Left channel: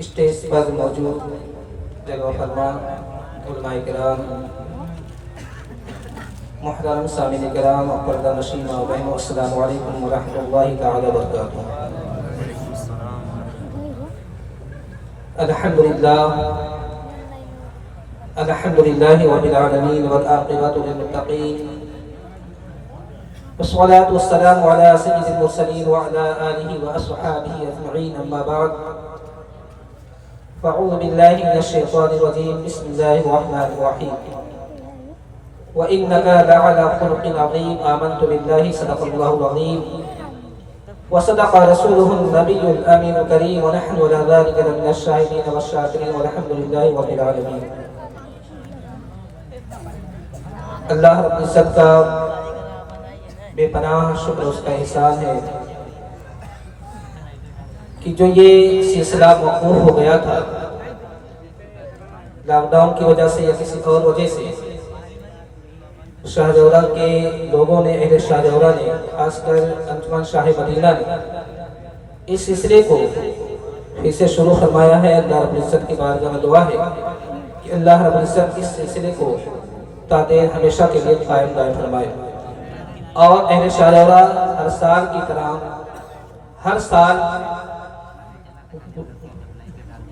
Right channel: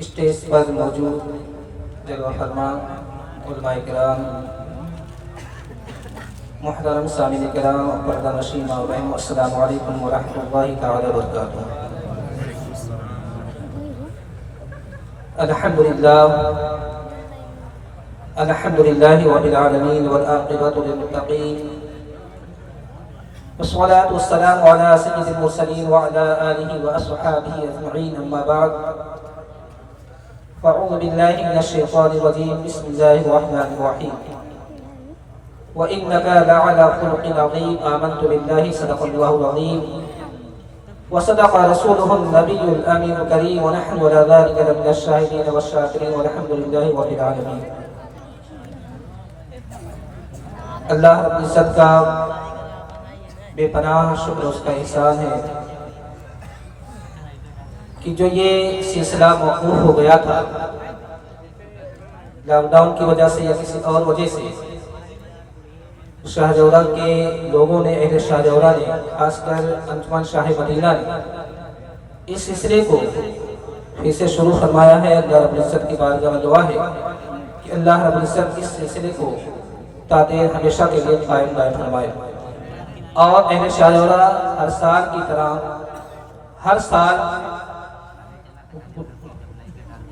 Stage پر موجود جلوہ فرما علماء کرام، محترم سامعین کرام، پردہ نشین ماں بہنوں، السلام علیکم ورحمۃ اللہ تعالی وبرکاتہ۔ الحمدللہ رب العالمین والعاقبۃ للمتقین، والصلاة والسلام على سید المرسلین وعلى آلہ واصحابہ اجمعین، اما بعد فاعوذ باللہ من الشیطان الرجیم، بسم اللہ الرحمن الرحیم۔ وَإِنَّكَ لَعَلَى خُلُقٍ عَظِيمٍ، آمنت باللہ صدق اللہ العظیم وصدق رسولہ النبی الامین الکریم، ونحن على ذلك لمن الشاہدین والشاکرین، والحمد للہ رب العالمین۔ اللہ رب العزت کا بے پناہ شکر اس کا احسان ہے کہ جو یہ سلسلہ موقوف ہو گیا تھا لاک ڈاؤن کی وجہ سے یا کسی اور وجہ سے، شاہ جورہ کے لوگوں نے، اہل شاہ جورہ نے، خاص کر انجمن شاہ مدینہ نے اس سلسلے کو پھر سے شروع فرمایا ہے۔ اللہ رب العزت کی بارگاہ میں دعا ہے کہ اللہ رب العزت اس سلسلے کو تا دیر ہمیشہ کے لیے قائم دائم فرمائے، اور اہل شاہ جورہ ہر سال کی طرح ہر سال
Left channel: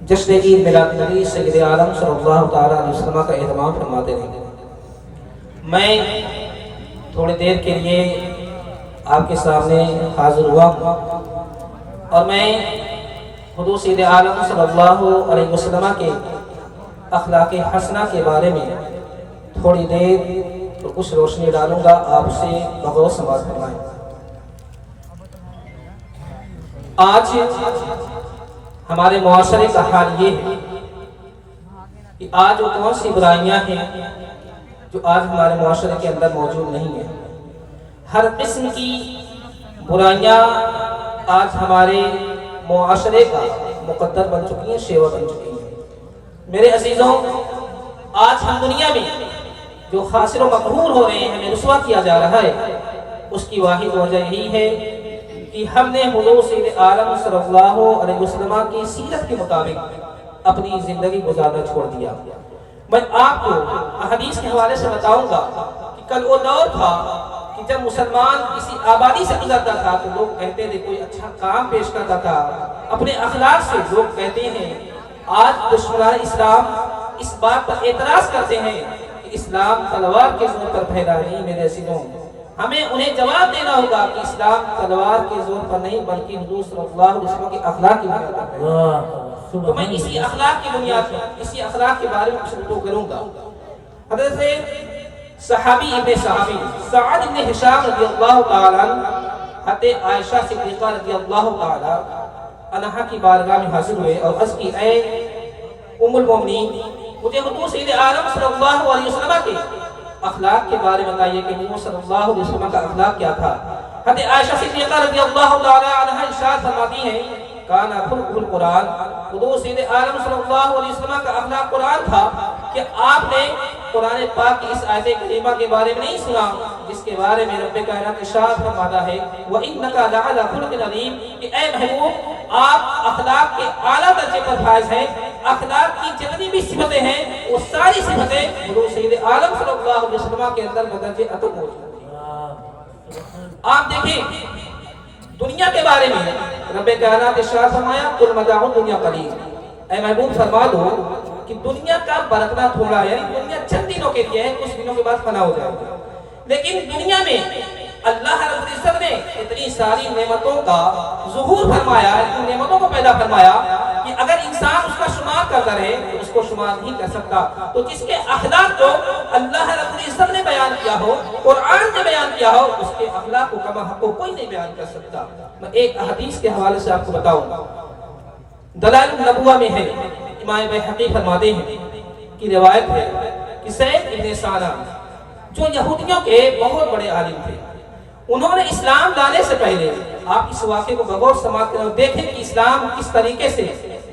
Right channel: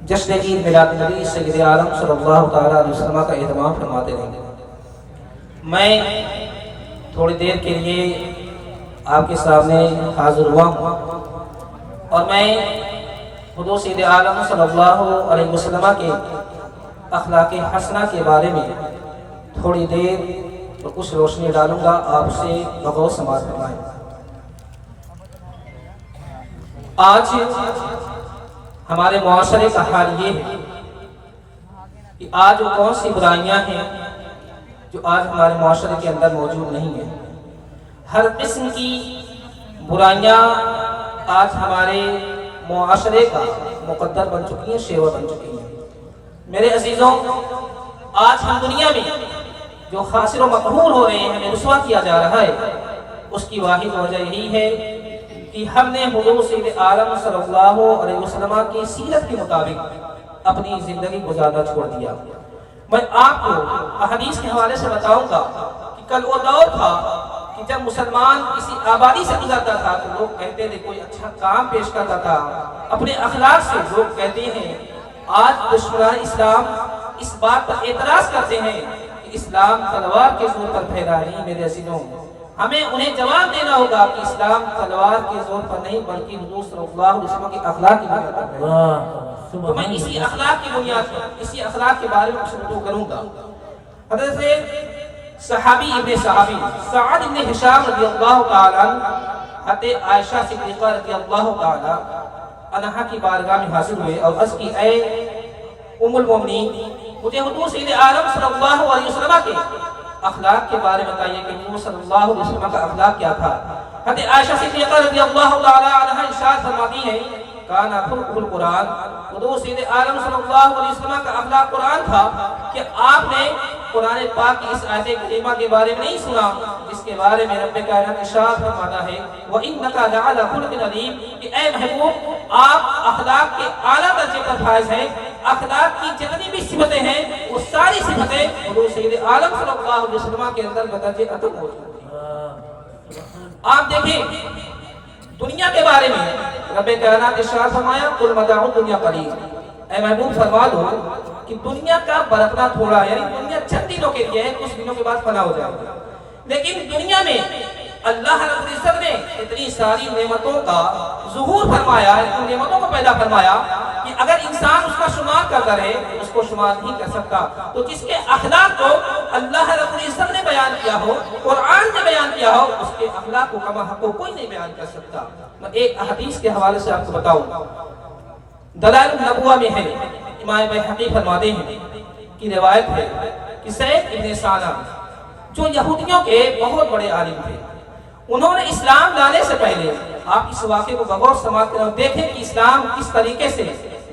جشن عید میلاد نبی سید عالم صلی اللہ تعالیٰ علیہ وسلم کا اہتمام فرماتے ہیں۔ میں تھوڑی دیر کے لیے آپ کے سامنے حاضر ہوا ہوں، اور میں حضور سید عالم صلی اللہ علیہ وسلم کے اخلاق حسنہ کے بارے میں تھوڑی دیر کچھ روشنی ڈالوں گا، آپ سے بغور سماعت فرمائیں۔ آج ہمارے معاشرے کا حال یہ ہے کہ آج وہ کون سی برائیاں ہیں جو آج ہمارے معاشرے کے اندر موجود نہیں ہیں۔ ہر قسم کی برائیاں آج ہمارے معاشرے کا مقدر بن چکی ہیں، شیوا بن چکی ہیں۔ میرے عزیزوں، آج ہم دنیا میں جو خاسر و مقہور ہو رہے ہیں، ہمیں رسوا کیا جا رہا ہے، اس کی واحد وجہ یہی ہے کہ ہم نے حضور سید عالم صلی اللہ علیہ وسلم کی سیرت کے مطابق اپنی زندگی گزارنا چھوڑ دیا۔ میں آپ کو احادیث کے حوالے سے بتاؤں گا کہ کل وہ دور تھا کہ جب مسلمان کسی آبادی سے گزرتا تھا تو لوگ کہتے تھے کوئی اچھا کام پیش کرتا تھا، اپنے اخلاق سے لوگ کہتے ہیں۔ آج دشمنان اسلام اس بات پر اعتراض کرتے ہیں کہ اسلام تلوار کے زور پر پھیلا نہیں۔ میرے عزیزوں، ہمیں انہیں جواب دینا ہوگا کہ اسلام تلوار کے زور پر نہیں بلکہ حضور صلی اللہ علیہ وسلم کے اخلاق کی بنیاد پر ہے۔ تو میں اسی اخلاق کی بنیاد پر، اسی اخلاق کے بارے میں کچھ گفتگو کروں گا۔ حضرت صحابی ابن صحابی سعد ابن ہشام رضی اللہ تعالی عنہ حضرت عائشہ صدیقہ رضی اللہ تعالی عنہا کی بارگاہ میں حاضر ہوئے اور عرض کی، اے ام المومنین، مجھے حضور سید عالم صلی اللہ علیہ وسلم کے اخلاق کے بارے میں بتائیے کہ حضور صلی اللہ علیہ وسلم کا اخلاق کیا تھا۔ حضرت عائشہ صدیقہ رضی اللہ تعالی عنہا ارشاد فرماتی ہیں، کانا خلقہ القرآن، حضور سید عالم صلی اللہ علیہ وسلم کا اخلاق قرآن تھا۔ کہ آپ نے قرآن پاک کی اس آیت کریمہ کے بارے میں نہیں سنا جس کے بارے میں رب کائنات ارشاد فرماتا ہے، وَإِنَّكَ لَعَلَى خُلُقٍ عَظِيمٍ، کہ اے محبوب آپ اخلاق کے اعلیٰ درجے پر فائز ہیں۔ اخلاق کی جتنی بھی صفتیں ہیں وہ ساری صفتیں حضور سید عالم صلی اللہ علیہ وسلم کے اندر بدرجہ اتم موجود ہیں۔ آپ دیکھیں دنیا کے بارے میں رب کائنات ارشاد فرمایا، قُلْ مَتَاعُ الدُّنْيَا قَلِيلٌ، اے محبوب فرما دو کہ دنیا کا برتنا تھوڑا ہے، یعنی دنیا چند دنوں کے لیے ہے، کچھ دنوں کے بعد فنا ہو جائے گا۔ لیکن دنیا میں اللہ رب العزت نے اتنی ساری نعمتوں کا ظہور فرمایا، اتنی نعمتوں کو پیدا فرمایا کہ اگر انسان اس کا شمار کرتا رہے اس کو شمار نہیں کر سکتا۔ تو جس کے اخلاق کو اللہ رب العزت نے بیان کیا ہو، قرآن نے بیان کیا ہو، اس کے اخلاق کو کما حق کو کوئی نہیں بیان کر سکتا۔ میں ایک حدیث کے حوالے سے آپ کو بتاؤں، دلائل النبوہ میں ہے، امام بحقی فرماتے ہیں کہ روایت ہے کہ سید ابن سانہ جو یہودیوں کے بہت بڑے عالم تھے، انہوں نے اسلام لانے سے پہلے آپ اس واقعے کو بغور سماعت کریں اور دیکھیں کہ اسلام کس طریقے سے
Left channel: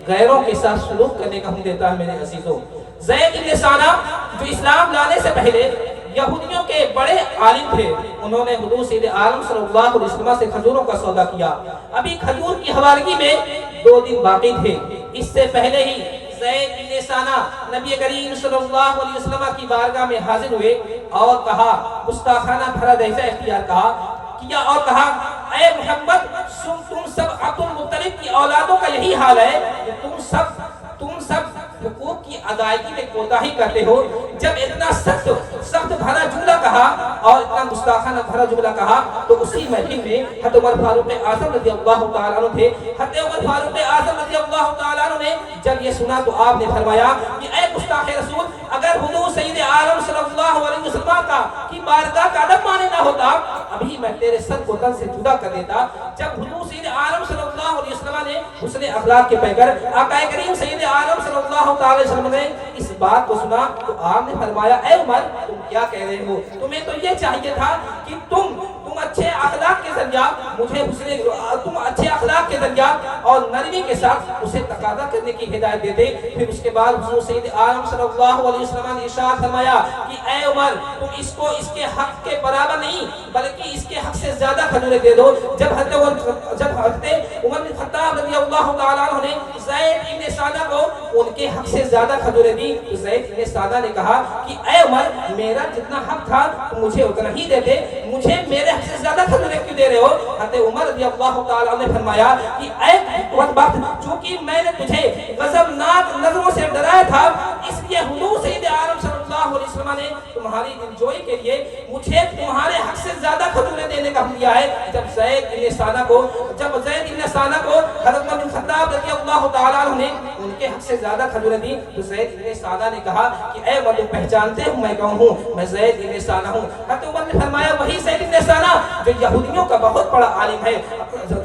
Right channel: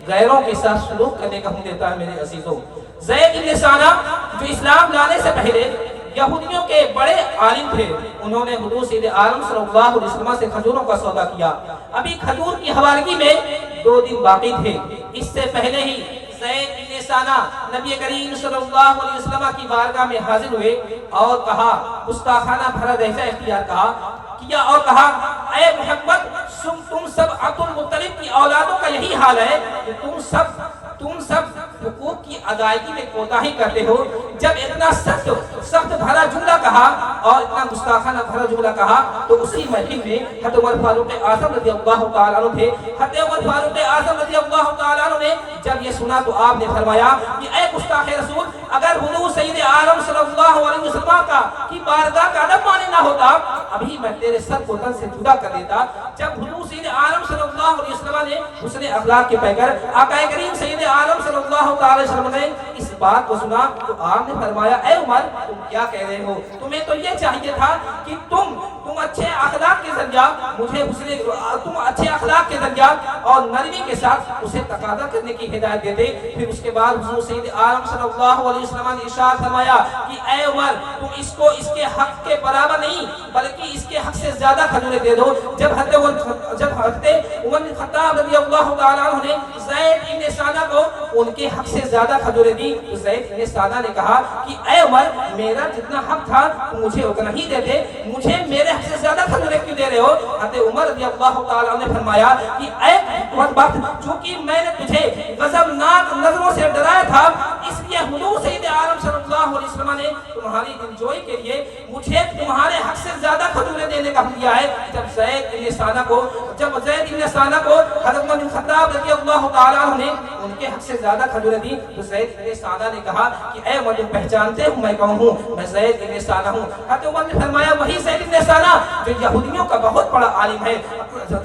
غیروں کے ساتھ سلوک کرنے کا حکم دیتا ہے۔ میرے عزیزوں، زید ابن سانہ جو اسلام لانے سے پہلے یہودیوں کے بڑے عالم تھے، انہوں نے حضور سید عالم صلی اللہ علیہ وسلم سے کھجوروں کا سودا کیا۔ ابھی کھجور کی حوالگی میں 2 دن باقی تھے، اس سے پہلے ہی زید بن ثانہ نبی کریم صلی اللہ علیہ وسلم کی بارگاہ میں حاضر ہوئے اور کہا، گستاخانہ بھرا لہجہ اختیار کیا اور کہا، اے محمد تم سب عبد المطلب کی اولادوں کا یہی حال ہے کہ تم سب حقوق کی ادائیگی میں کوتاہی کرتے ہو۔ جب اتنا سخت بھرا جملہ کہا اور اتنا گستاخانہ بھرا جملہ کہا تو اسی محفل میں حضرت عمر فاروق اعظم رضی اللہ تعالیٰ عنہ تھے۔ حضرت عمر فاروق اعظم رضی اللہ تعالیٰ عنہ نے جب یہ سنا تو آپ نے فرمایا کہ اے گستاخ رسول، اگر حضور سید عالم صلی اللہ علیہ وسلم کی بارگاہ کا ادب مانے نہ ہوتا، ابھی میں تیرے سر کو تن سے جدا کر دیتا۔ جب حضور سید عالم صلی اللہ علیہ وسلم نے حسن اخلاق کے پیکر آقا کریم سید عالم صلی اللہ علیہ وسلم نے اس بات کو سنا تو آپ نے فرمایا، اے عمر تم کیا کہہ رہے ہو؟ تمہیں تو یہ چاہیے تھا کہ تم اچھے اخلاق کے ذریعہ تم اچھے اخلاق کے ذریعہ اور نرمی کے ساتھ اسے تقاضا کرنے کی ہدایت دیتے۔ پھر اس کے بعد حضور سید عالم صلی اللہ علیہ وسلم نے ارشاد فرمایا کہ اے عمر تم اس کو اس کے حق کے برابر نہیں بلکہ اس کے حق سے زیادہ کھجوریں دے دو۔ جب حضرت عمر بن خطاب رضی اللہ تعالیٰ عنہ نے زید بن ثانہ کو ان کے حق سے زیادہ کھجوریں دی تو زید بن ثانہ نے کہا کہ اے عمر میرا جتنا حق تھا تو مجھے اتنا ہی دیتے، مجھے میرے حق سے زیادہ کھجوریں کیوں دے رہے ہو؟ حضرت عمر رضی اللہ تعالیٰ عنہ نے فرمایا کہ اے وقت چونکہ میں نے تجھے غضبناک نظروں سے ڈرایا تھا اس لیے حضور سید عالم صلی اللہ علیہ وسلم نے تمہاری دلجوئی کے لیے مجھے تمہارے حق سے زیادہ کھجوریں دینے کا حکم دیا ہے۔ جب زید بن ثانہ کو حضرت عمر بن خطاب رضی اللہ تعالیٰ عنہ نے ان کے حق سے زیادہ کھجوریں دی تو زید بن ثانہ نے کہا کہ اے عمر تم پہچانتے ہو میں کون ہوں؟ میں زید بن ثانہ ہوں۔ حضرت عمر نے فرمایا وہی زید بن ثانہ جو یہودیوں کا بہت بڑا عالم ہے۔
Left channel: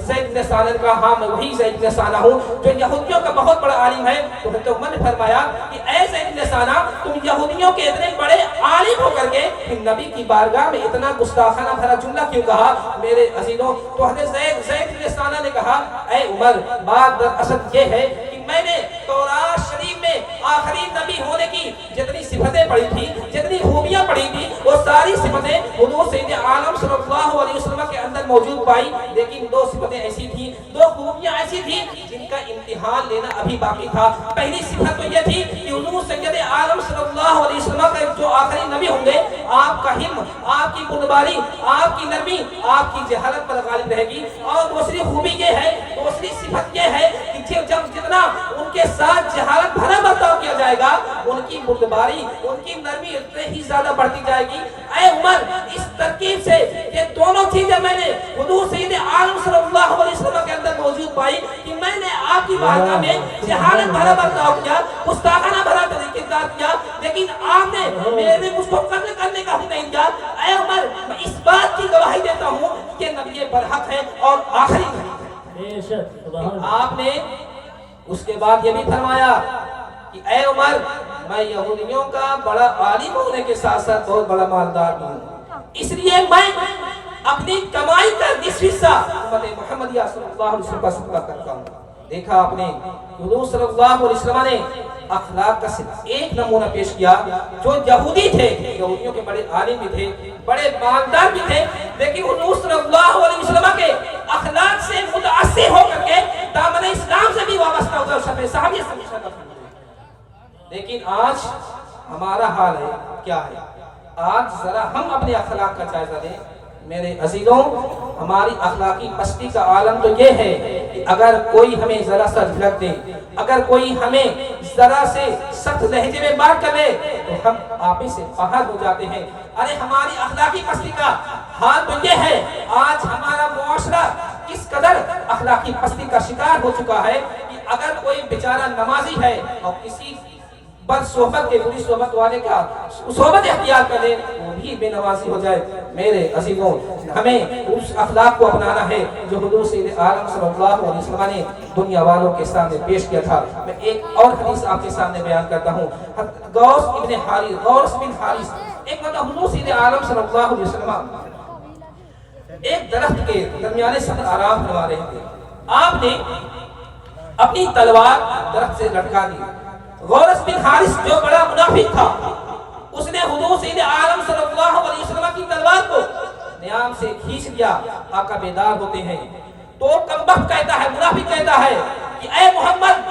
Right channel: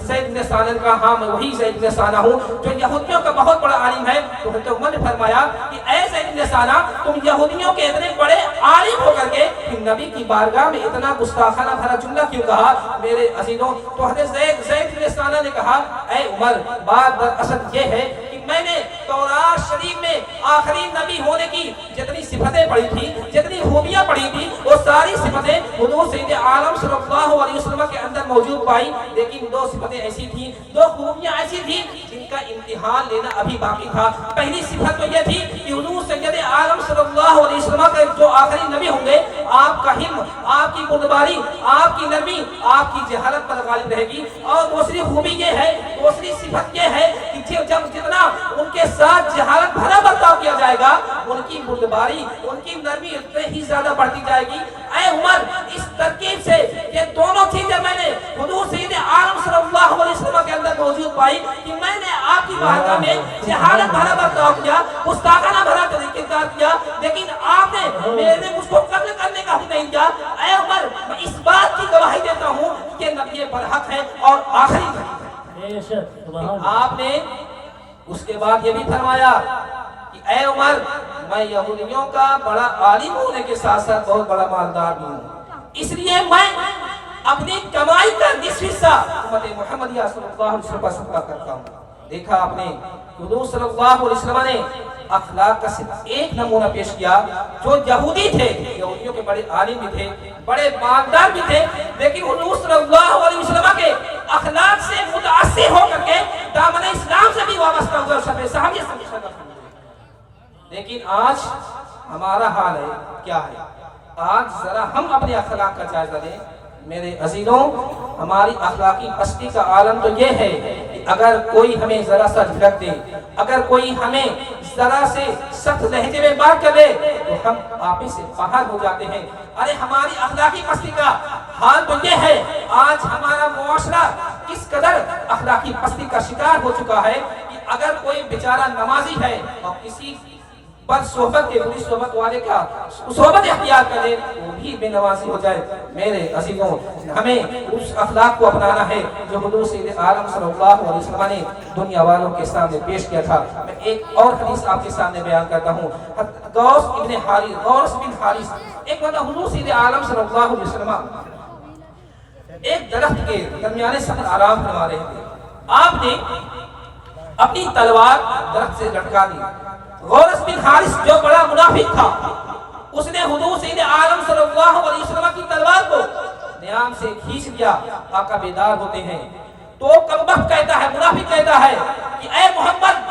زید بن ثانہ نے کہا ہاں میں وہی زید بن ثانہ ہوں جو یہودیوں کا بہت بڑا عالم ہے۔ تو حضرت عمر نے فرمایا کہ اے زید بن ثانہ تم یہودیوں کے اتنے بڑے عالم ہو کر کے پھر نبی کی بارگاہ میں اتنا گستاخانہ بھرا جملہ کیوں کہا میرے عزیزوں؟ تو حضرت زید بن ثانہ نے کہا اے عمر بات دراصل یہ ہے کہ میں نے تورات شریف میں آخری نبی ہونے کی جتنی صفتیں پڑھی تھی، جتنی خوبیاں پڑھی تھی، وہ ساری صفتیں حضور سید عالم صلی اللہ علیہ وسلم کے اندر موجود پائی، لیکن دو صفتیں ایسی تھیں، دو خوبیاں ایسی تھیں جن کا امتحان لینا ابھی باقی تھا۔ پہلی صفت تو یہ تھی کہ حضور سید عالم صلی اللہ علیہ وسلم کا جو آخری نبی ہوں گے آپ کا حلم، آپ کی بردباری، آپ کی نرمی، آپ کی جہالت پر غالب رہے گی۔ اور دوسری خوبی یہ ہے، دوسری صفت یہ ہے کہ جب جتنا ان کے ساتھ جہالت بھرا برتاؤ کیا جائے گا ان کی بردباری، ان کی نرمی اتنے ہی زیادہ بڑھتی جائے گی۔ اے عمر اس ترکیب سے یہ دونوں چیزیں میں نے حضور سید عالم صلی اللہ علیہ وسلم کے اندر موجود پائی کہ میں نے آپ کی بارگاہ میں جہالت بھرا برتاؤ کیا، گستاخانہ بھرا طریقہ کیا، لیکن آپ نے میرے مجھ کو قتل کرنے کا حکم نہیں دیا۔ اے عمر میں اس بات کی گواہی دیتا ہوں کہ نبی برحق ہے اور آخری نبی ہے۔ آپ نے اس کے بعد یہ بھی فرمایا کہ اے عمر میں یہودیوں کا بڑا عالم ہونے کے ساتھ ساتھ بہت بڑا مالدار بھی ہوں، اس لیے میں اپنی کمائی کا نصف حصہ امت محمدیہ صلی اللہ علیہ وسلم کا صدقہ کرتا ہوں۔ دیکھا آپ نے حضور صلی اللہ علیہ وسلم نے اخلاق کا صرف ایک نمونہ پیش کیا۔ جو یہودی تھے، یہودیوں کے بڑے عالم بھی تھے، بڑے مالدار بھی تھے، لیکن حضور صلی اللہ علیہ وسلم کے اخلاق سے متاثر ہو کر کے دامن اسلام سے بھی وابستہ ہو کر صحابیت سے مشرف ہوئے۔ لیکن آج ہمارا حال ہے کیا ہے؟ آج ذرا ہم اپنے اخلاق کا جائزہ لیں میرے عزیزوں۔ ہماری اخلاقی پستی کا عالم تو یہ ہے کہ اگر کوئی ہمیں ذرا سا جھلک دے، اگر کوئی ہمیں ذرا سے سخت لہجے میں بات کر لے تو ہم آپس سے باہر ہو جاتے ہیں۔ ارے ہماری اخلاقی پستی کا حال تو یہ ہے، آج ہمارا معاشرہ کس قدر اخلاقی پستی کا شکار ہو چکا ہے کہ اگر کوئی بیچارہ نمازی ہے اور کسی بد صحبت کے بری صحبت والے کا صحبت اختیار کر لے وہ بھی بے نمازی ہو جائے۔ میرے عزیزوں ہمیں اس اخلاق کو اپنانا ہے جو حضور سید عالم صلی اللہ علیہ وسلم نے دنیا والوں کے سامنے پیش کیا تھا۔ میں ایک اور حدیث آپ کے سامنے بیان کرتا ہوں۔ غوث بن حارث ایک مرتبہ حضور سید عالم صلی اللہ علیہ وسلم ایک درخت کے درمیانے سفر آرام فرما رہے تھے۔ آپ نے اپنی تلوار درخت سے لٹکا دی۔ غوث بن حارث جو بڑا منافق تھا اس نے حضور سید عالم صلی اللہ علیہ وسلم کی تلوار کو نیام سے کھینچ لیا۔ آقا بیدار ہوتے ہیں تو کمبخت کہتا ہے، منافق کہتا ہے کہ اے محمد